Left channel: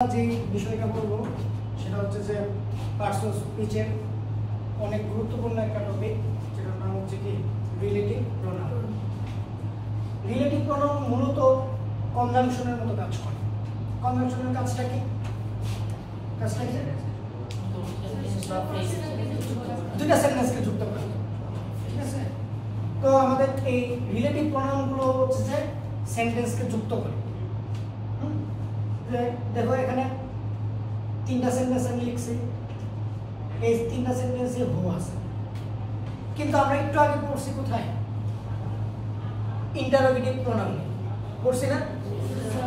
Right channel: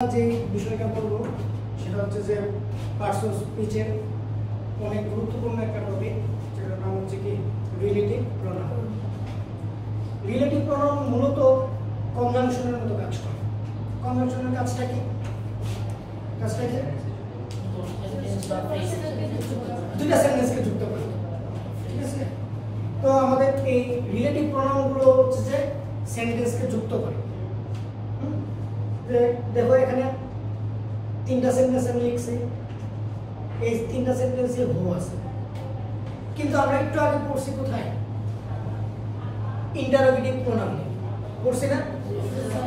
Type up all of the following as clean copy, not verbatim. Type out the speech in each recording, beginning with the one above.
যে বিষয়টা বলবো সেটা হচ্ছে যে পার্টস অফ স্পিচের অনেক গুরুত্বপূর্ণ একটা টপিক, যেটার নাম হচ্ছে কি রিলেটিভ প্রোনাউন। রিলেটিভ প্রোনাউন মূলত কনজাংশনের মতো কাজ করে। কনজাংশনের কাজটা কি? দুইটা সেন্টেন্সকে যুক্ত করে, ঠিক আছে? তো আমাদের এই রিলেটিভ প্রোনাউন গুলো হচ্ছে যে সেন্টেন্সকে যুক্ত করে। দেখো এখানে তিনটা সেন্টেন্স আমি লিখছি, এই তিনটা সেন্টেন্সে হু আছে, কিন্তু আমরা একটু আগে পড়ছি কোথায়? ইন্টারোগেটিভ প্রোনাউন পড়ছি না?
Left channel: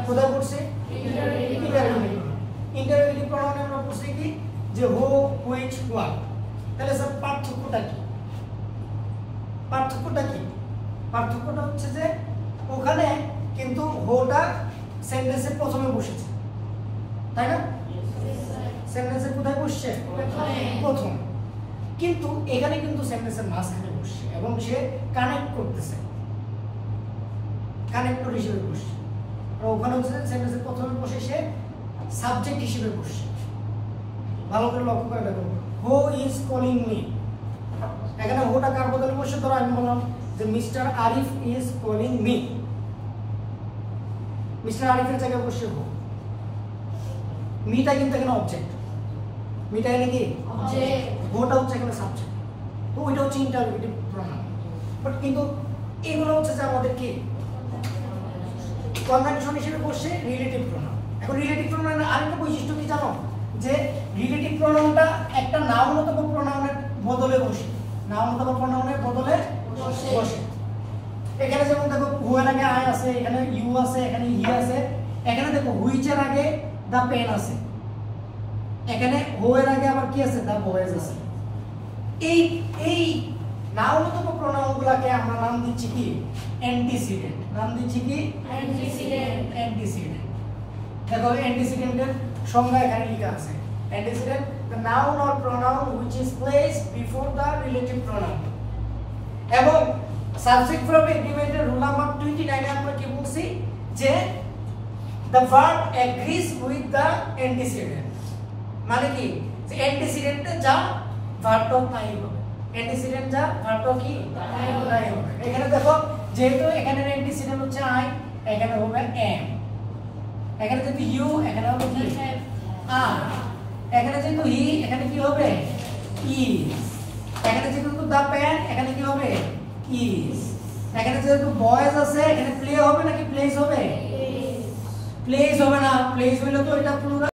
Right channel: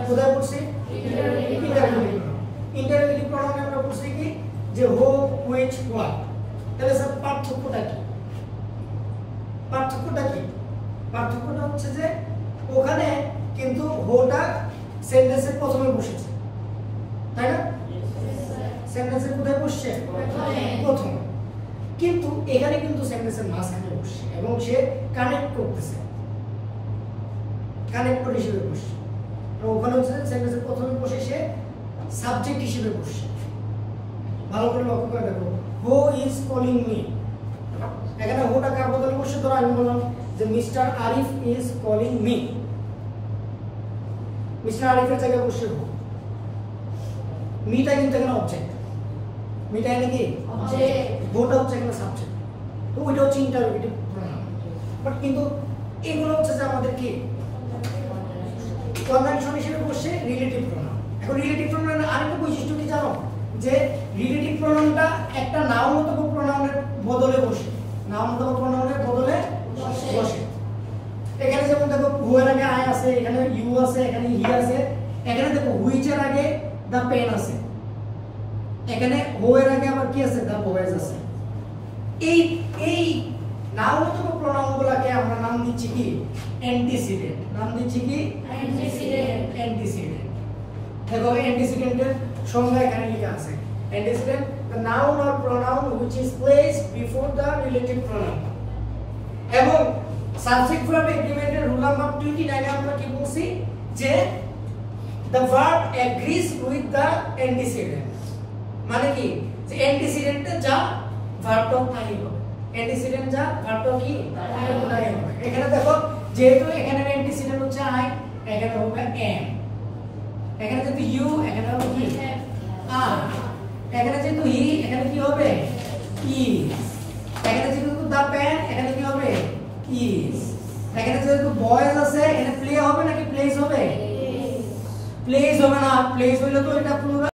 কোথায় পড়ছি? ইন্টারোগেটিভ প্রোনাউনে আমরা পড়ছি কি যে হু, হুইচ, হোয়াট। তাহলে স্যার পার্থক্যটা কি? পার্থক্যটা হচ্ছে যে ওখানে কিন্তু হোটা সেন্টেন্সের প্রথমে বসেছে, তাই না? সেন্টেন্সের কোথায় বসছে? প্রথমে। কিন্তু এখানে কিন্তু সেন্টেন্সের মাঝখানে বসছে এবং সে কানেক্ট করতেছে, কানেক্টর হিসেবে বসছে। আর ওখানে হচ্ছে সেন্টেন্সের প্রথমে বসে সে সাবজেক্ট হিসেবে বসছে। ভালো করে লক্ষ্য করে দেখো, হু ইজ কলিং মি। এখানে হোটা কার বদলে বসে? ধরো আমি বললাম যে mister Arif is calling me. Mister আরিফের জায়গায় বসে হু। মিটা কিন্তু এখানে অবজেক্ট, মিটা এখানে কি অবজেক্ট, হোটা হচ্ছে এখানে সাবজেক্ট। তো ওইটা হচ্ছে ইন্টারোগেটিভ প্রোনাউন। বাট কিন্তু এগুলো হচ্ছে যে আমাদের কি কনজাংশন হিসেবে বসে রিলেটিভ প্রোনাউন। এখন রিলেটিভ প্রোনাউনের আরেকটা বৈশিষ্ট্য কি জানো? যে রিলেটিভ প্রোনাউনটা একটা নাউন অথবা প্রোনাউনের বদলে বসে, নাউন অথবা প্রোনাউনের বদলে বসে। এখানে যেমন দেখো হু এর আগে আই আছে, এখানে ইউ আছে, এখানে হি আছে। এখানে দেখো হুইচ এর আগে দা পেন আছে, এখানে হু এর আগে আবার কি আছে? দা বয়েজ আছে। এই নাউন অথবা প্রোনাউনগুলোকে আমরা নাম দিচ্ছি কি অ্যান্টিসিডেন্ট। নাম দিচ্ছি কি অ্যান্টিসিডেন্ট। দেখো অ্যান্টিসিডেন্টের সংজ্ঞা এখানে লেখা আছে। Antecedent the noun or pronoun which is placed before the relative pronoun। এবং সাবজেক্ট ভার্ব এগ্রিমেন্টের রুল নাম্বার 29 এ আমরা কি বলছি? যে the verb agrees with the antecedent। মানে কি? যে অ্যান্টিসিডেন্টে যা ভার্বটা তাই হবে, অ্যান্টিসিডেন্ট যা ভার্বটা কি তাই হবে। এখানে দেখো যেহেতু এখানে অ্যান্টিসিডেন্ট হচ্ছে আই, এখানে হবে am। এখানে যেহেতু ইউ, এখানে হবে কি আর। এখানে যেহেতু হি, এখানে কি হবে ইজ। এখানে যেহেতু দা পেন, এখানে কি হবে ইজ। এখানে যেহেতু বয়েজ আছে, এখানে প্লে হবে নাকি প্লেস হবে? প্লেস হবে না, প্লেস হইলে তো এটা প্লুরাল।